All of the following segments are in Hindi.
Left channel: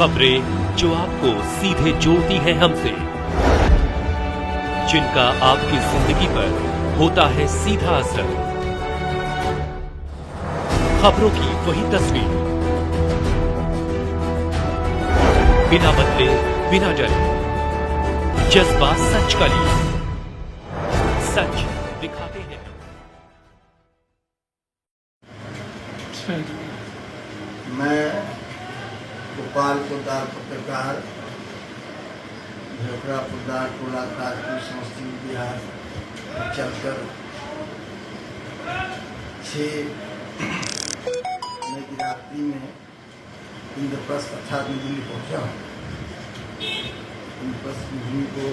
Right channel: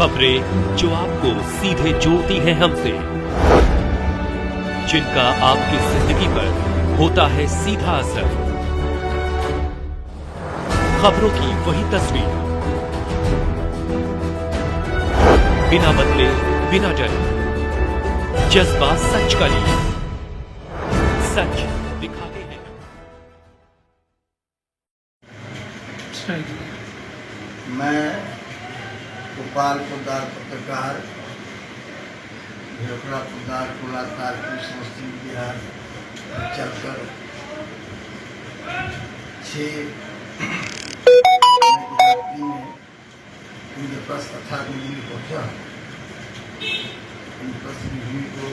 खबरें जो आपको सीधे जोड़ती हैं हमसे, जिनका आपकी जिंदगी पर होता है सीधा असर। खबरों की वही तस्वीर, बिना बदले बिना डरे, जज्बा सच का लिए, सच दिखाते हैं। मैं गोपाल पोद्दार पत्रकार, झोपड़ा पोद्दार टोला ताजपुर समस्तीपुर बिहार चलकर 6 में इंद्रप्रस्थ अर्थात दिल्ली पहुंचा। इंद्रप्रस्थ की भूमि को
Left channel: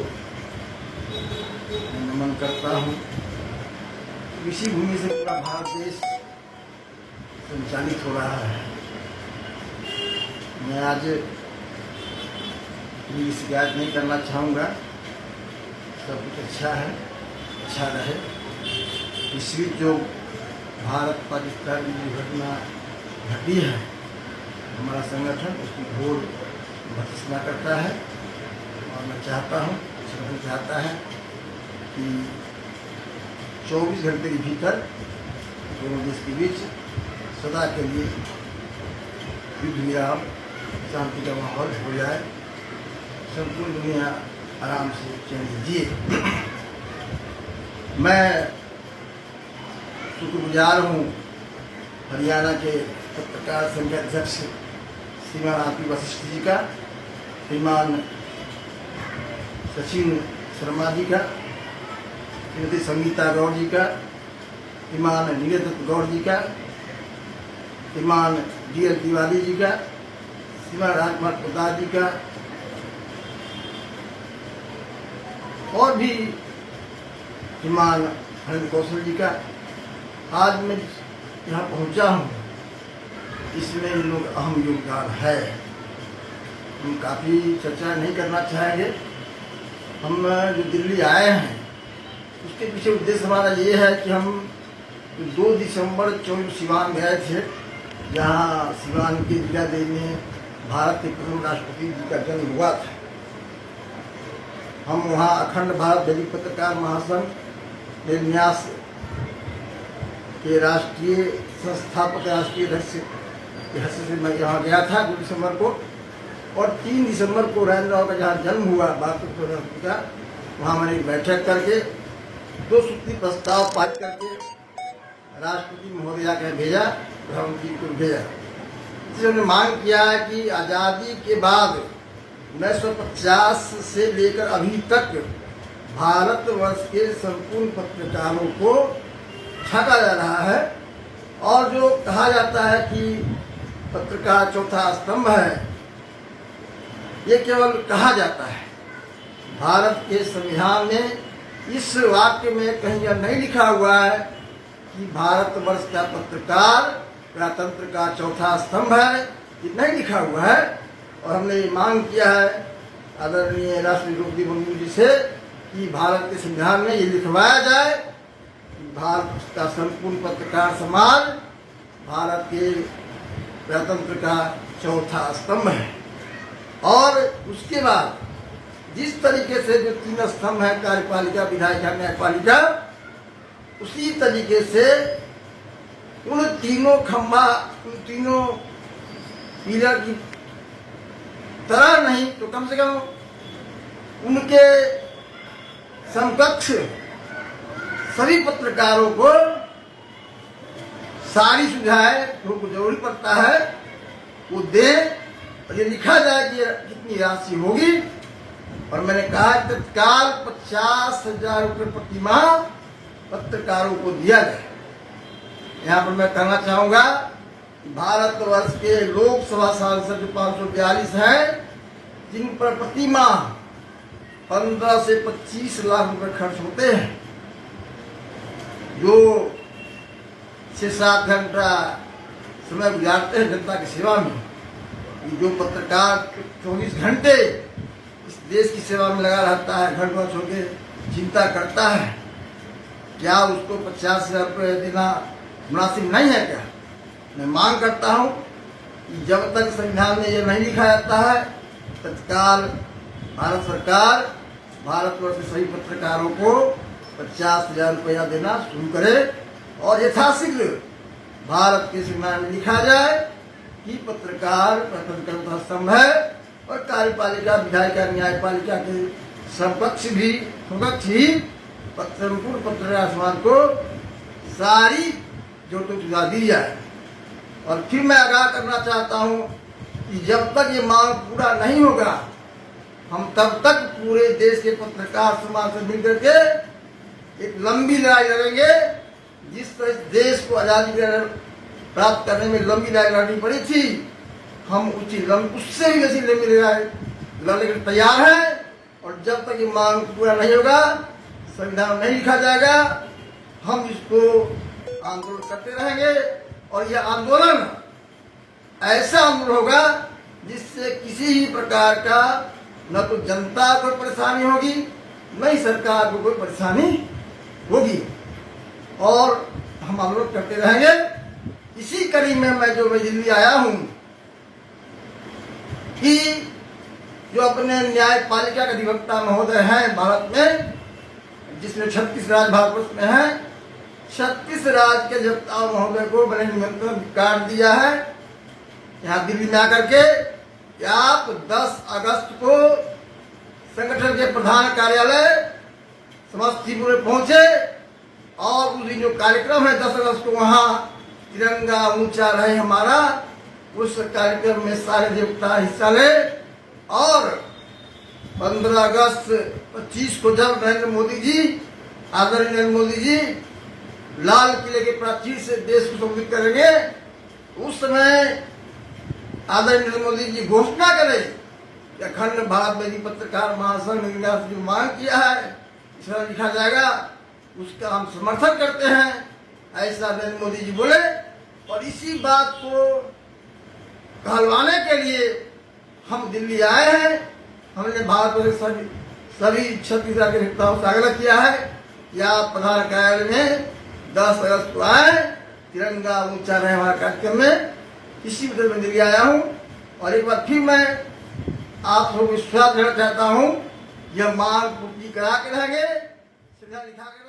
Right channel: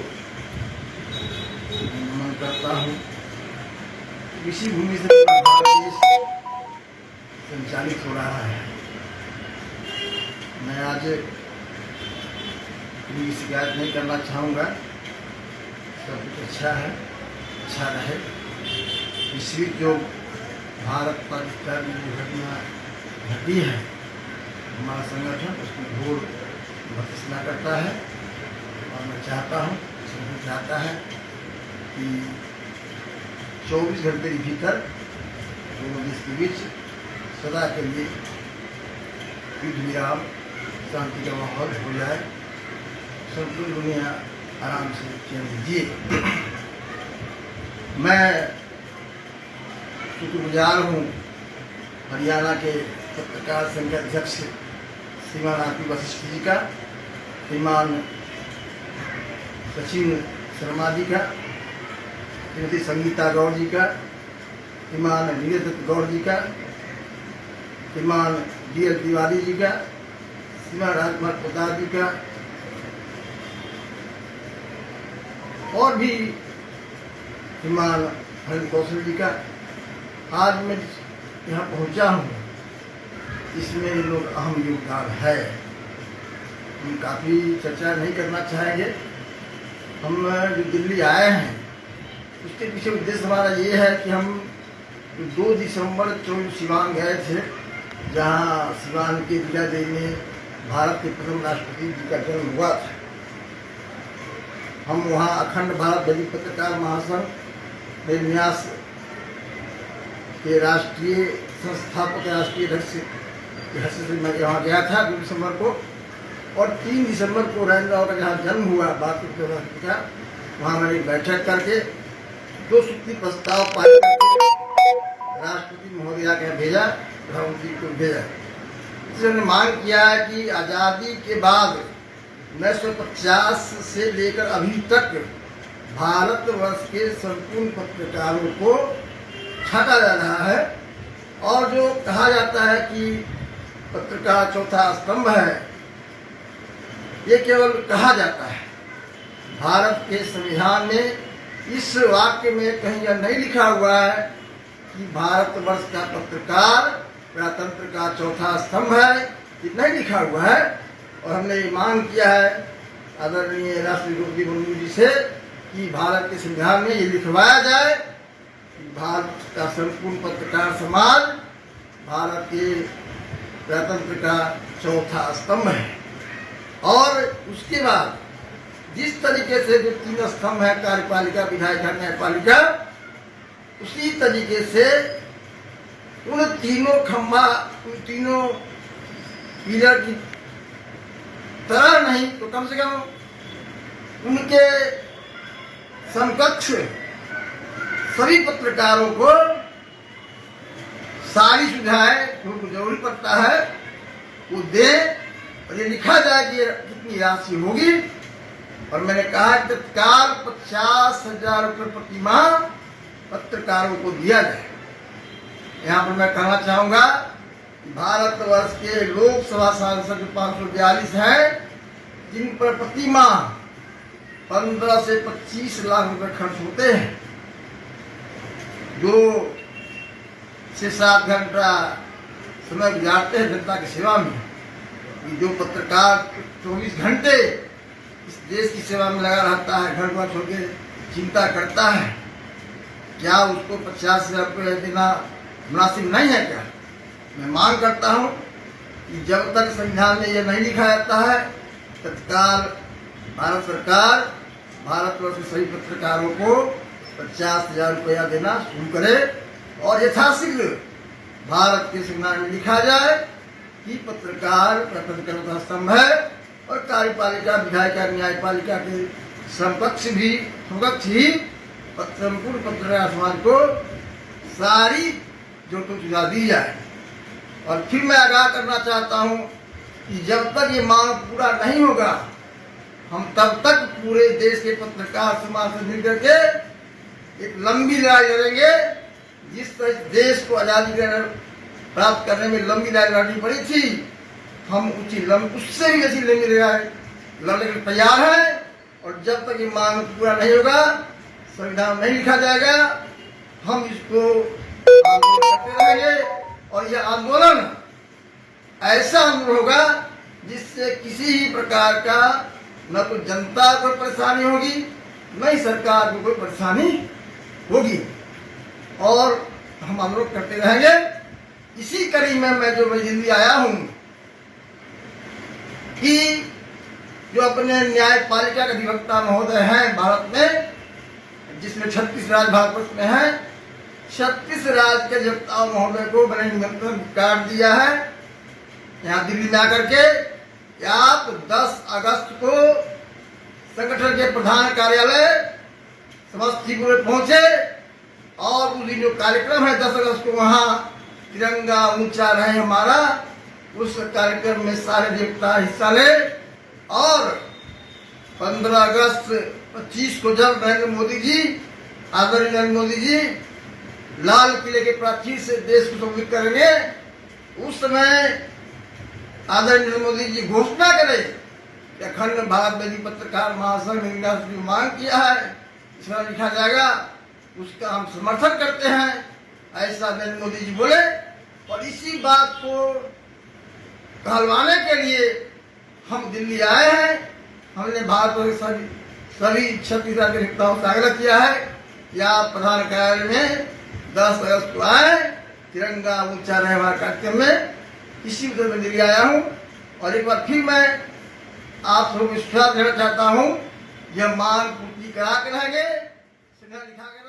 नमन करता हूँ। इसी भूमि से पूरा भारत देश संचालित हो रहा है। मैं आज कोई शिकायत नहीं करना चाहूँगा। सब कुछ अच्छा है, अच्छा रहे। इस बीच जो भारत पाकिस्तान की दुर्घटना घटी है, हमारा संगठन उसकी घोर भर्त्सना करता है और मैं चाहता हूँ, सभी चाहता है कि 24 घंटे के भीतर दोनों देश के बीच सदा के लिए युद्ध विराम, शांति का माहौल हो जाए, संपूर्ण दुनिया आराम से चैन से जिए। मैं शुक्रगुजार हूँ हरियाणा के पत्रकार संघ के अध्यक्ष श्रीमान आरपी वशिष्ठ जी का, श्रीमान सचिन शर्मा जी का, श्रीमती संगीता गौड़ जी का, श्रीमान नीरज गौड़ जी का, श्रीमान DL तिवारी जी का, श्रीमान राजकुमार प्रसाद जी का और भी श्रीमान हरिंद्र कौशल जी का। आज मैं यहाँ पहुँचा हूँ, इसमें इन लोग अहम योगदान है। हम काफ़ी चर्चा नहीं करना चाहेंगे। हम जो दिल्ली आए हैं उसके पीछे उद्देश्य हमारा ये है कि हम 2 दिसंबर 24 सिवान गए थे, जहाँ सिवान के विद्यादेवी में भारत के प्रथम राष्ट्रपति जी का जन्म हुआ था। हम वहाँ अखंड भारत दैनिक पत्रकार महासंघ में न्यास के राष्ट्रीय संस्थापक राष्ट्रीय अध्यक्ष के हैसियत से मैं यहाँ गया था 2 दिसंबर को, और 3 दिसंबर को नरेंद्र राव का जहाँ जन्म हुआ भारत के प्रथम राष्ट्रपति का, वहाँ मैंने बैठक करके 2 सूत्री प्रस्ताव पारित करके राष्ट्रपति महोदया के भेजा, प्रधानमंत्री को भेजा। इसने मांग किया है कि आज़ादी के बाद 1950 से लेकर अभी तक भारतवर्ष के संपूर्ण पत्रकारों को छाटा जा रहा है, और जो कहा जाता है कि पत्रकार चौथा स्तंभ है, ये केवल कहा जाता है। भारत के संविधान में इस वाक्य में कहीं यह नहीं लिखा हुआ है कि भारतवर्ष का पत्रकार प्रजातंत्र का चौथा स्तंभ है, ये नहीं लिखा हुआ है। और हमने ये मांग किया है आदरणीय राष्ट्रपति द्रौपदी मुर्मू जी से कि भारत के संविधान में ये लिखवाया जाए कि भारत का संपूर्ण पत्रकार समाज भारत के प्रजातंत्र का चौथा स्तंभ है। और उसके बाद जिस तरीके से जो 3 स्तंभ है, कार्यपालिका, विधायिका, न्यायपालिका, उसी तरीके से उन तीनों खंभा, उन तीनों पिलर की तरह नहीं तो कम से कम उनके समकक्ष सभी पत्रकारों को सारी सुविधाएं जो जरूरी पड़ता है वो दे, और ये लिखा जाए कि कितनी राशि होगी। और मैंने कहा कि तत्काल 50,000 रुपये प्रति माह पत्रकारों को दिया जाए। यहाँ पर मैं कहना चाहूँगा कि भारतवर्ष के लोकसभा सांसद 542 हैं, जिन पर प्रति माह 15 से 25 लाख रुपए खर्च होते हैं, जो 6-7 घंटा समय गुजारते हैं जनता की सेवा में। जो पत्रकार 24 घंटे इस देश की सेवा में लगा रहता है, घर घर छोड़ के चिंता करता है, क्या उसको 50,000 रुपये देना मुनासिब नहीं है क्या? मैं मांग करता हूं कि जब तक संविधान में यह नहीं लिखा जाता है तत्काल भारत सरकार भारतवर्ष के सभी पत्रकारों को 50,000 रुपया देना शुरू करे और यथाशीघ्र भारत के संविधान में लिखा जाए कि पत्रकार स्वतंत्रता स्तंभ है और कार्यपालिका विधायिका न्यायपालिका के समकक्ष ही संपूर्ण पत्रकार समाज को सारी जरूरतों की सुविधा दी जाए। और फिर मैं आगाह करना चाहता हूं कि जब तक ये मांग पूरा नहीं होगा हम तब तक पूरे देश के पत्रकार समाज से मिलकर के एक लंबी लड़ाई लड़ेंगे। जिस तरह देश को आजादी प्राप्त करने में लंबी लड़ाई लड़नी पड़ी थी, हम उससे भी ऐसी लंबी लड़ाई लड़ने के लिए तैयार हैं। और जब तक ये मांग पूरा नहीं होगा, संविधान नहीं लिखा जाएगा, हम इसको आंदोलन करते रहेंगे। और यह आंदोलन ऐसा आंदोलन होगा जिससे किसी ही प्रकार का न तो जनता को परेशानी होगी, न ही सरकार को कोई परेशानी होगी। और हम आंदोलन करते रहेंगे। इसी कड़ी में मैं दिल्ली आया हूं कि जो अपने न्यायपालिका के अधिवक्ता महोदय हैं भारत में, जिसमें 36 राज्य भारतवर्ष में हैं, 36 राज्य के अधिवक्ता महोदय को मैंने निमंत्रण कार्ड दिया है यहाँ दिल्ली में आकर के कि आप 10 अगस्त को संगठन के प्रधान कार्यालय समस्तीपुर में पहुंचे और उस दिन जो कार्यक्रम है 10 अगस्त को वहां तिरंगा ऊंचा रहे हमारा, उस कार्यक्रम में सारे अधिवक्ता हिस्सा ले। और 15 अगस्त 25 को जब नरेंद्र मोदी जी, आदरणीय नरेंद्र मोदी जी लाल किले के प्राचीर से देश को संबोधित करेंगे, उस समय आदरणीय नरेंद्र मोदी जी घोषणा करें कि अखंड भारत में पत्रकार महासंघ ने जो मांग किया है इसमें लिखा जाएगा, उसका हम समर्थन करते हैं, ऐसा नरेंद्र मोदी जी बोले। और इसी बात को कहलवाने के लिए हम दिल्ली आए हैं। हमने भारत सभी 36 राज्य के नेताओं से आग्रह किया है कि आप प्रधान कार्यालय में 10 अगस्त को आए, तिरंगा ऊंचा रहे हमारे कार्यक्रम में। इसी वजह से दिल्ली आया हूं। और एक बार फिर मैं आप सबको विश्वास देना चाहता हूं, यह मांग पूर्ति करा के रहेंगे, लिखा के